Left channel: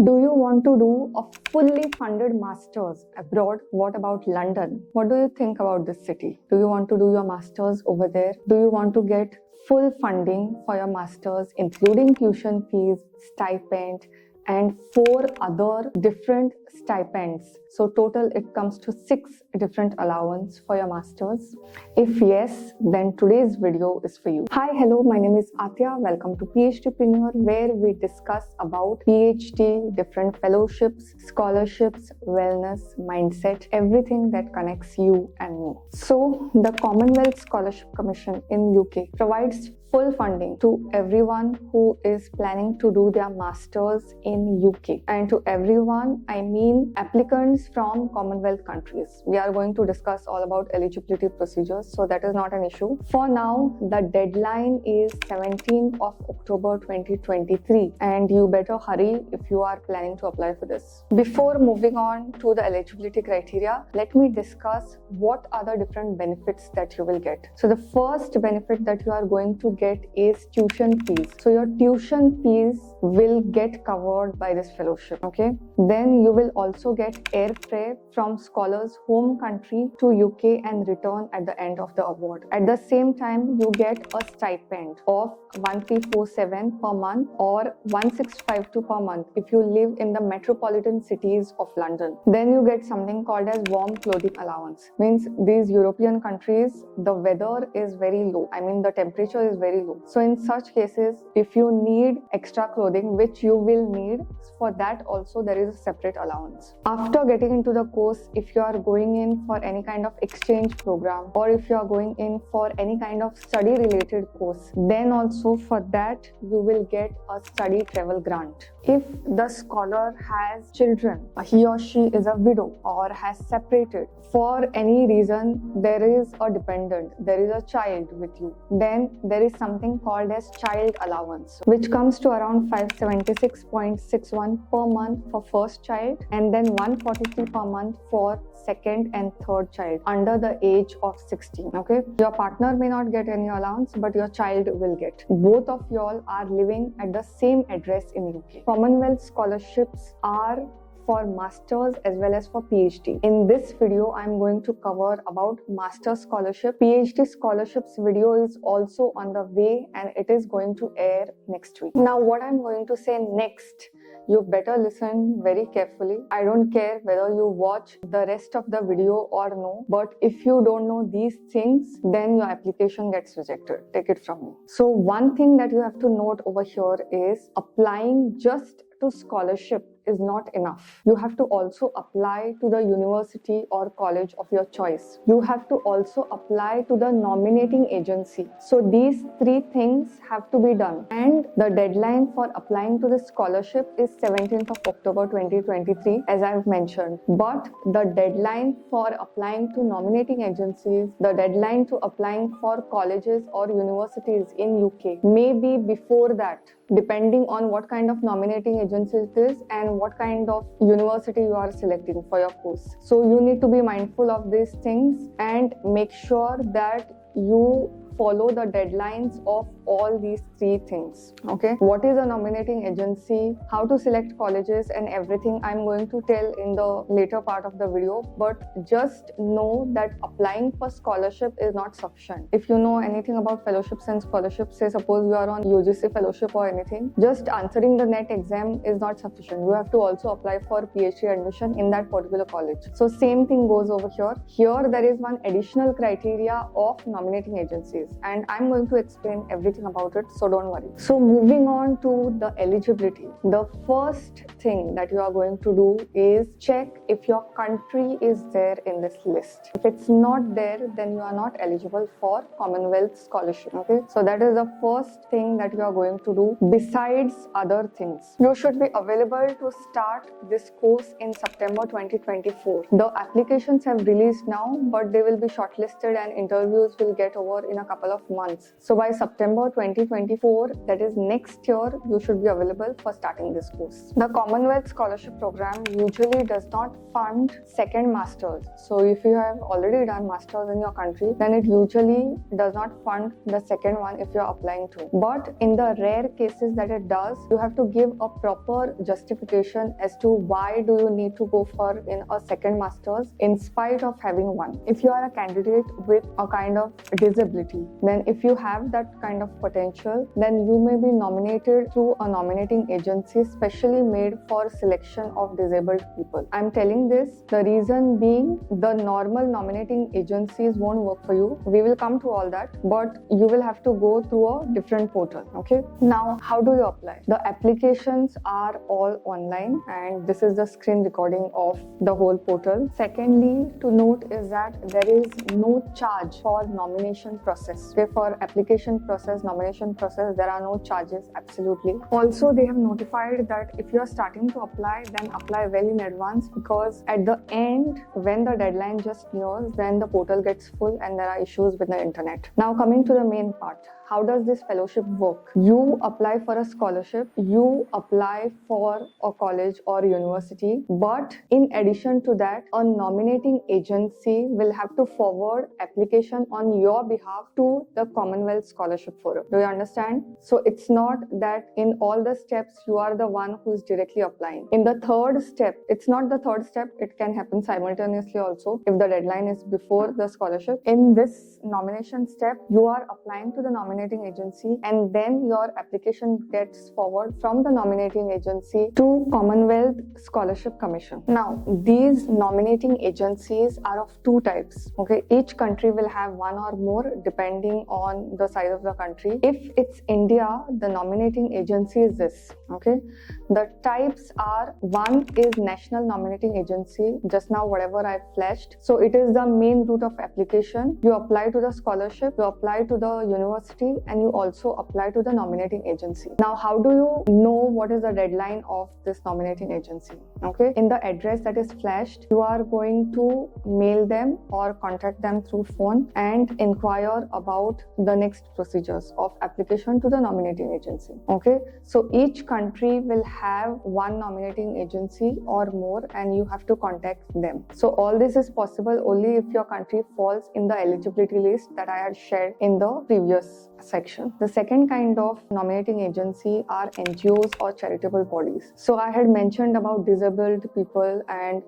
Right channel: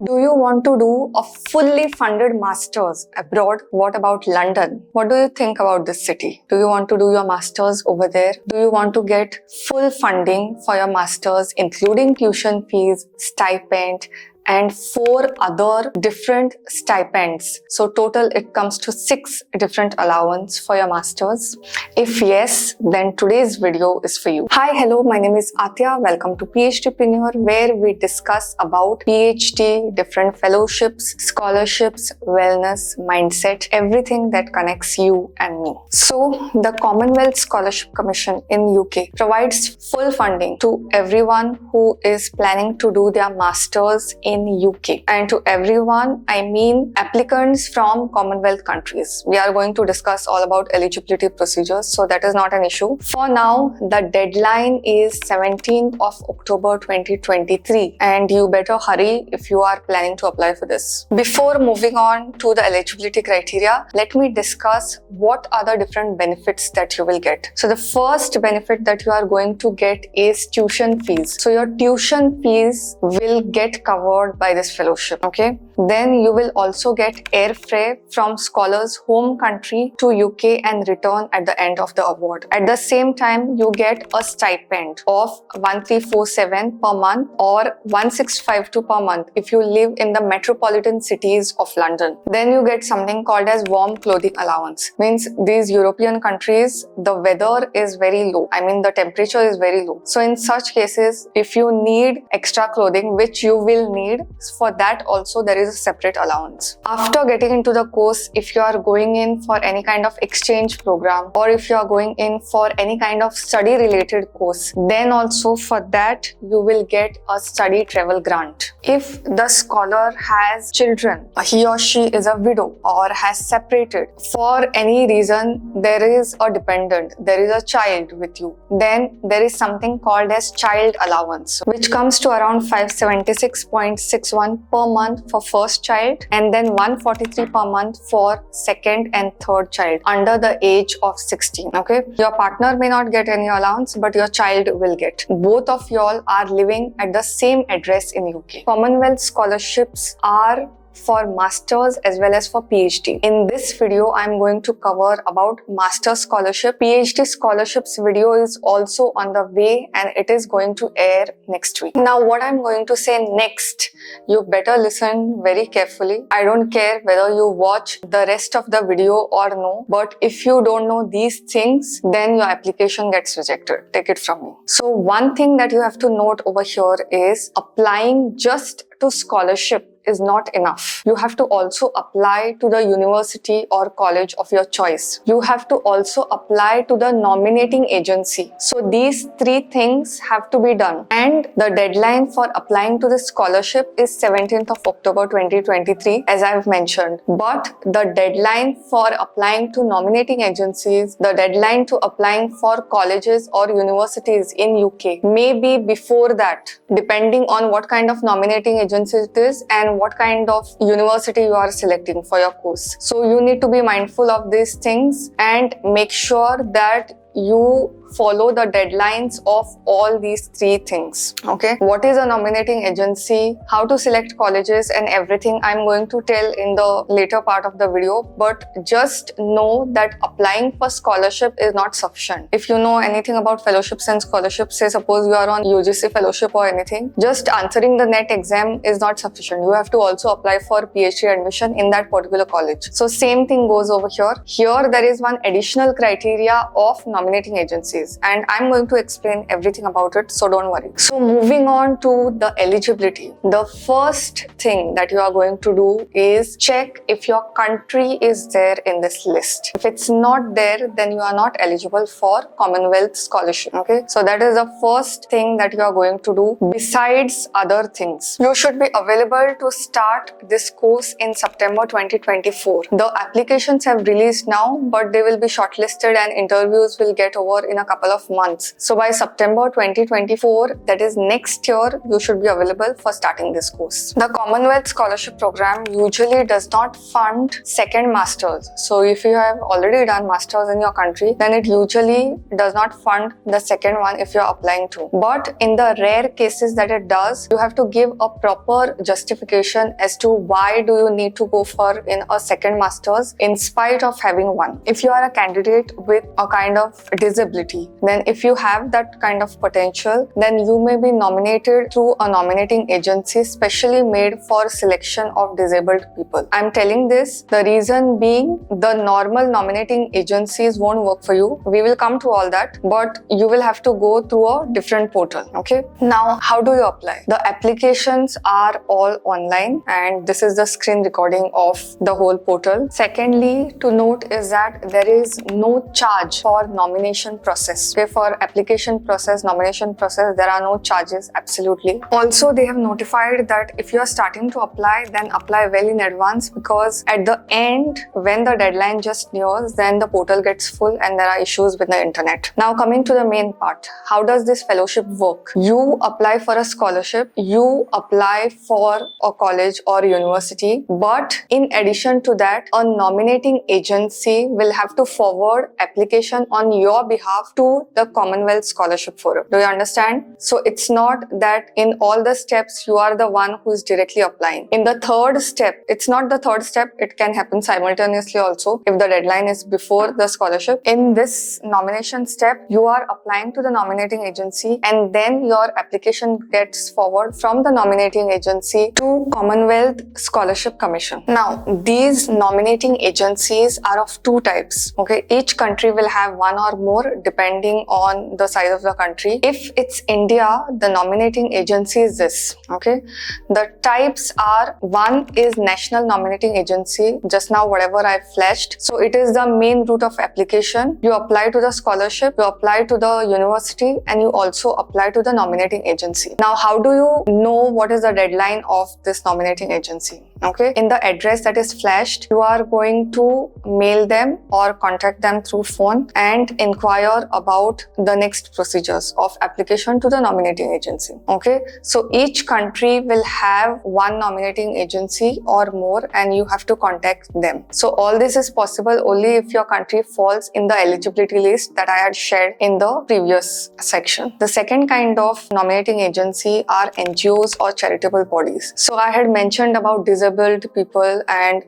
Do you want to do a fully funded master's abroad? What about London? What do you think about this city? Do you want to do your master's over there? Do you want to get full funding for your master's, including tuition fees, stipend, and 4 other different stipends? So total it comes to 6 different allowance for your masters. If yes, then today's video is for you. Hi, hello, my name is Aatiya. Welcome to PhDpreneur, where we discuss about PhD, different fellowships, scholarships, wellness, mindset, everything that connects you and me. So the Commonwealth Scholarship Commission in UK provides full funding to everyone who is planning to do their masters in UK, and to everyone I mean applicants from Commonwealth countries. We are going to discuss all about eligibility procedures, so that is not an issue. For now, the deadline is 17th of October 2023, and you better hurry if you are planning to apply for this. Before moving on to the eligibility criteria, let me discuss what are the different benefits that you will get. So the first benefit that you are going to get is tuition fees. So your tuition fees will get covered by this fellowship, okay? Then you will also get airfare from scholars' home country to UK and return at the end of the award. At the same time, you get a stipend of 1347 per month or 1652 per month if you live in the metropolitan cities of London. Then you get something called as warm clothing allowance. Means these European countries, the weather is very low. I mean the temperature is very low. So in such cases, if you need extra clothing, which you will need, for that also there is a separate allowance. After getting into the course, if you are going in for any kind of exchange program or if you are going in for any kind of study related course, then also for that you will get a study travel grant. If the scholar has children, he or she is a widow or has separated, for any reason there is a dependent, there is a child with you, then there is something called as child allowance, which comes to around 576.61 per month for first child and then 143 per month for second and third child under the age of 16. Okay, your partner may not get any allowance, but your child will get. Both of y'all are living at the same address in UK. Commonwealth scholarships are for masters as well as for PhD. In this video, I'm going to cover about master scholarship. PhD scholarships video is also on the way and it is going to air next week. Now, what I'm going to say next, you better listen very carefully. I don't care whether you watch the rest of the video or no, but if you don't know these things, then your application gets rejected. Take it from me. So one thing that you have to note over here is applying just to scholarship is not enough. You have to also apply to the university or college of your choice. You have to also apply to the nominating agency. So these 3 things have to be done. And the deadline for applying to the scholarship is 17th of October 2023, as I've mentioned. But the deadline for applying to nominating agencies, the deadline to applying for colleges or universities in UK may be before that, depending on what kind of nominating agency it is and what kind of university you are selecting for your course. So you need to be mindful of these things and make sure that you follow the deadlines of all these 3 things. Okay, what is a nominating agency, how to select colleges, and everything I'm going to tell in the later part of the video. But just know that applying for scholarship is not sufficient. If you know anything about fellowships and scholarships, say suppose you are on UGC fellowship or anything, just answering the NET exam is not sufficient. You have to also apply for PhD admission in that particular college. So same thing goes over here. Here there is one additional criteria of nominating agencies, and I'm going to explain everything about it, so don't worry. So moving on to the eligibility, the first thing that you are going to do is check if your country is there in this list. If it's not there, then you are not eligible for Commonwealth scholarship. Okay, so that is the first thing that you are going to do. Besides other things, you should be available to start this course in September 2024. The applications have released now, but they will be shortlisted and interviews will get over in a couple of months. So by September 2024, that is next year, you should be available for starting this course. The Commonwealth Scholarship Program usually does not fund second masters. So if you have already done masters in your country, then it usually does not fund the second one if you're applying to. But in the rare cases that it does, you have to give a proper justification as to why do you need to go for in a second masters in spite of having one. If you are a candidate with a kind of disability, then if you have that kind of potential, then you may be nominated through a nominating agency specially made for selection of disabled people. I'm telling this, the reason being the normal nominating agencies won't work for you. We will come to all that, but you will have to go through a different portal. Okay. Now, how do you apply? The applications are all online, and this is the screen recording of the whole portal. Secondly, to note is that there is no charge for nomination process. Okay, for application process, nomination process, there are no charges, absolutely. Also, they have notified that if you are starting to apply, then apply well in advance, because at the end, when the deadline just nears, then the portal gets full and there are issues with the internet. Now, coming to the main part, how does this fellowship work? You apply for a scholarship, you apply for a college or university, but in addition to that, a nominating agency will have to forward application on your behalf to the Commonwealth Scholarship Forum. Do you understand? So it's not that in all the steps you are the one who is directly applying. In the third step, it's not the third step, it can happen simultaneously also if the deadline is before the scholarship. In this nomination step, you are applying to the nominating agency, and then your application gets forward from the nominating agency to Commonwealth Scholarship Commission. Now, these nominating agencies are of two types. Okay, each country will have one or more depending on the size of the country. If it's India, the nominating agency is this. Okay, the types are: one is National Nominating Agency, just now whatever I flashed. So it is the main route of application. You apply to the scholarship, you apply to the university, and you also apply to the nominating agency. Now, how do you know what is the deadline of this nominating agency? Okay, in the address that is flashed, you are going to mail them or contact them through phone and inquire about the next procedures of application to the nominating agency. Okay, so each country will have one nominating agency or more, and you have to contact them. So all this is possible only if your country falls in the eligibility list that I had shared in the previous section. The second kind of nominating agency are NGOs or charitable bodies. So I had mentioned about disabled people and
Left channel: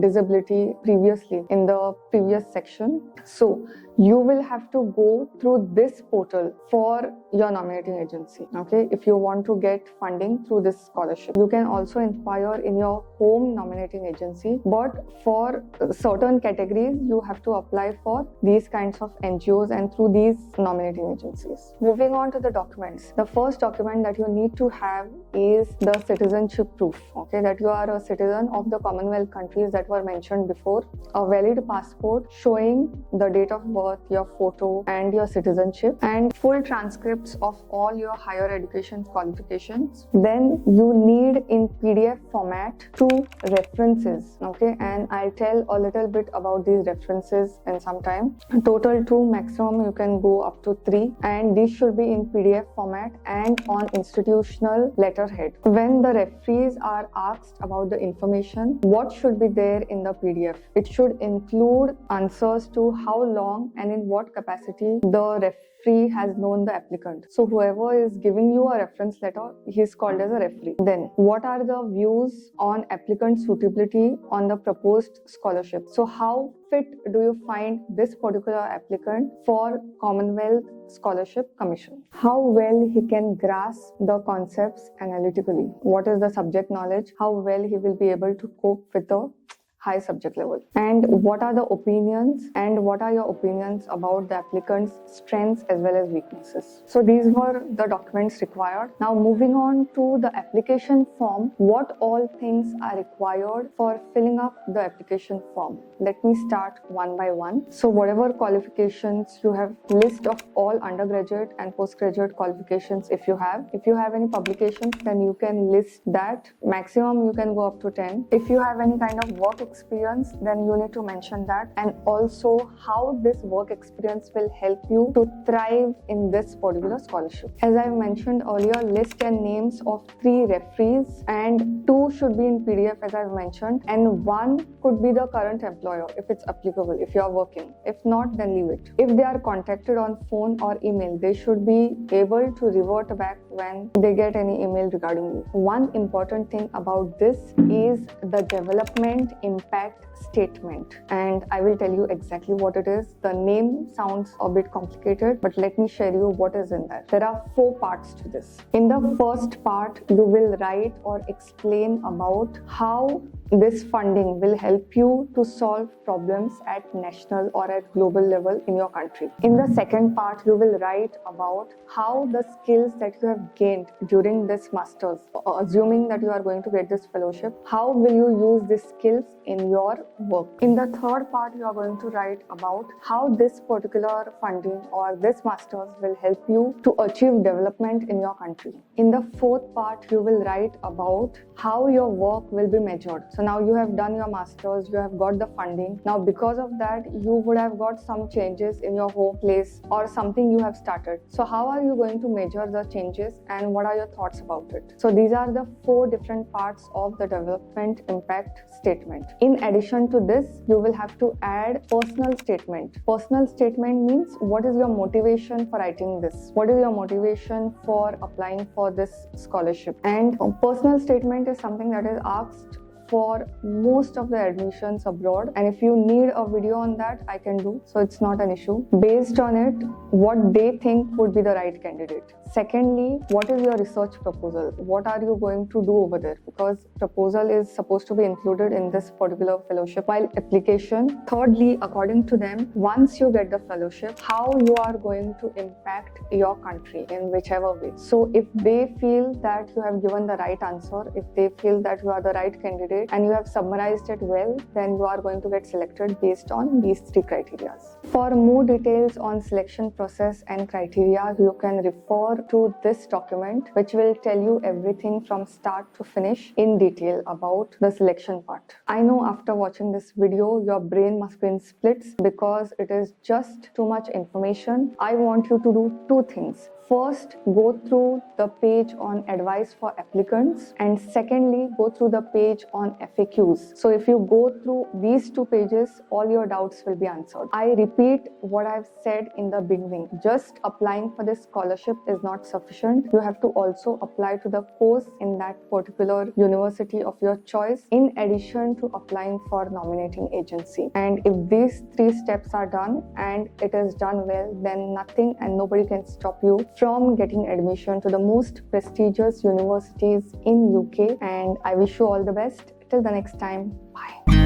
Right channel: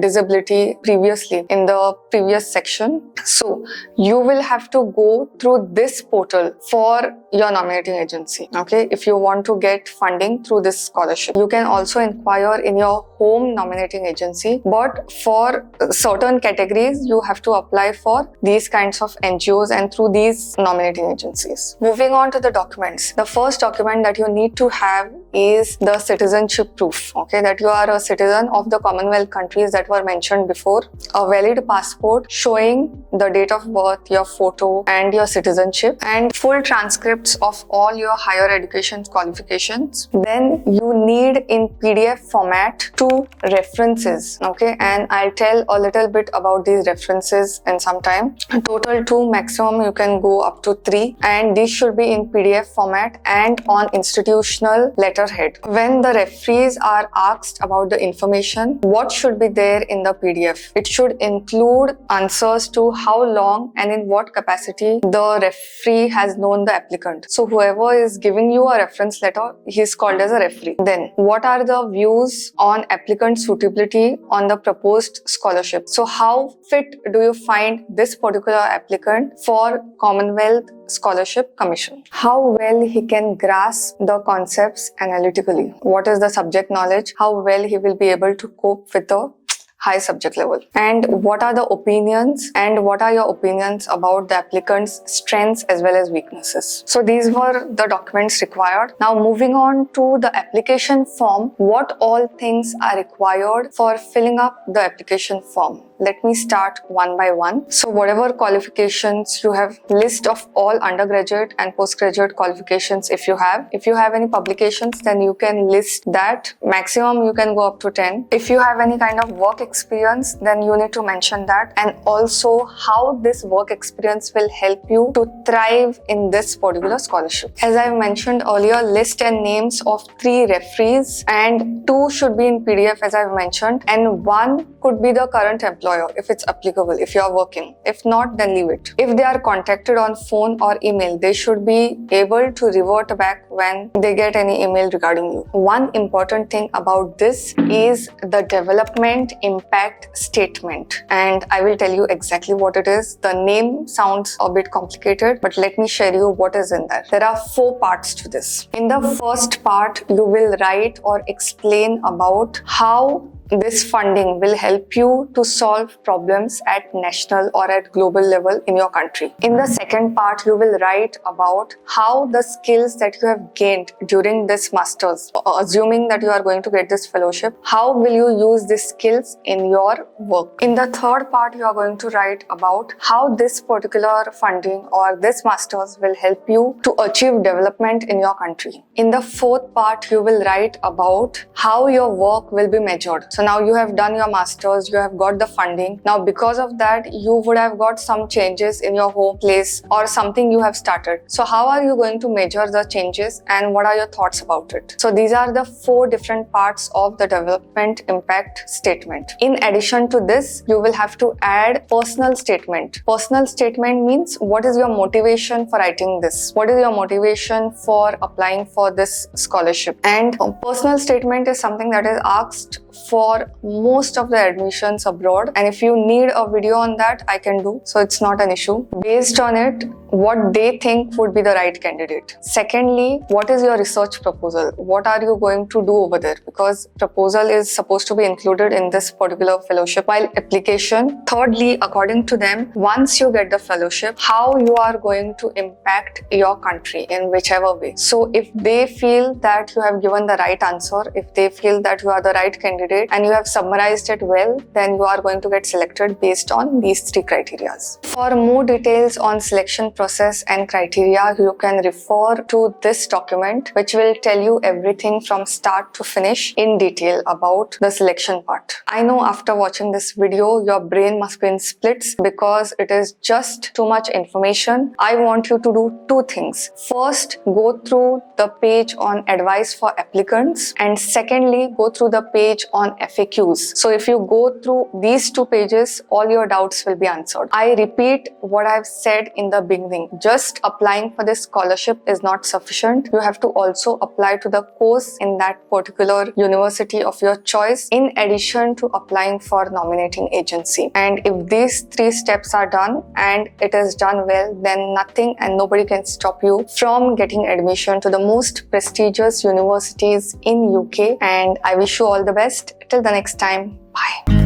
disability previously in the previous section. So you will have to go through this portal for your nominating agency. Okay, if you want to get funding through this scholarship, you can also inquire in your home nominating agency, but for certain categories you have to apply for these kinds of NGOs and through these nominating agencies. Moving on to the documents, the first document that you need to have is the citizenship proof. Okay, that you are a citizen of the Commonwealth countries that were mentioned before, a valid passport showing the date of birth, your photo and your citizenship, and full transcripts of all your higher education qualifications. Then you need in PDF format 2 references. Okay, and I'll tell a little bit about these references in some time. Total 2, maximum you can go up to 3, and these should be in PDF format and on institutional letterhead. When the referees are asked about the information, what should be there in the PDF? It should include answers to how long and in what capacity the referee has known the applicant. So whoever is giving you a reference letter, he is called as a referee. Then, what are the views on applicant suitability on the proposed scholarship? So how fit do you find this particular applicant for Commonwealth Scholarship Commission? How well he can grasp the concepts analytically? What is the subject knowledge? How well he will be able to cope with the high subject level? And what are the opinions, and what are your opinions about the applicant's strengths as well as weaknesses? So these were the documents required. Now moving on to the application form, what all things are required for filling up the application form? Let me start one by one. So whatever qualifications you have, list of all undergraduate and postgraduate qualifications if you have. If you have any publications, then you can list that. Maximum you can go up to 10. If you have any kind of work experience, then you need to mention that, and also how this work experience will help you to thrive in this particular scholarship. As I mentioned earlier, list and names of 3 referees, and 2 should be in PDF as I've mentioned, and 1 could be the current employer if it's applicable, if you're working. If not, then leave it. If they are contacted on phone or email, they should be able to revert back when they get any email regarding you. One important thing about this is the development impact statement, and I will tell you exactly what it is. The name sounds a bit complicated, but let me share you what is in there. There are 4 parts to this. In the first part, you will write or explain about how this funding will help you to solve problems at national or at global level in your country. In the second part, you will write about how the skills that you have gained during this masters, assuming that you are going to get this fellowship, how will you use these skills in your work. In the third part, you are going to write about how this particular funding or this masters will help you to achieve development in your country. In the fourth part, you will write about how your work will be measured. So now you have done your masters, you have got the funding. Now because of that, you would have got some changes in your home place or something you have started. So how are you going to measure the changes and what are your thoughts about it? So these are the 4 different parts of the development impact statement. In addition to this, you will have to add personal statement. Personal statement means what is your motivation for writing this? What is your motivation for applying for this scholarship? And a personal statement is something that is asked for most of the admissions abroad, and if you need a video on that, I can do, so it's not an issue. Based on it, what they think would be the right candidate. Secondly, what is your research proposal? What are you going to do over there? Because proposal is supposed to be included in this particular fellowship while application. Thirdly, according to them, once you get the fellowship, how you are going to impact your country in whichever way. So if they feel that you have given the right answer, if they feel that you are the right candidate and you have summarized it well, then you are going to get selected based on these 3 criteria. For more details on selection process and criteria, you can refer to this document, which will tell you everything from start to finish in detail about the selection part. I know after watching this video, your brain must be in splits because it is just too much information. I want you to do 2 things. First, go through the page on advice for applicants, and secondly, go through the page on FAQs. So if you go through these 2 pages, all your doubts will be answered. I repeat what I've said in the beginning. Just applying for this scholarship is not sufficient. You have to also apply to the course in that particular university of your choice, in addition to applying for nominating agency. And if these 3 steps are done and it is done well, then nothing and nobody can stop you from getting admission to the most prestigious universities in UK. And I wish you all the best. Till the next time, bye.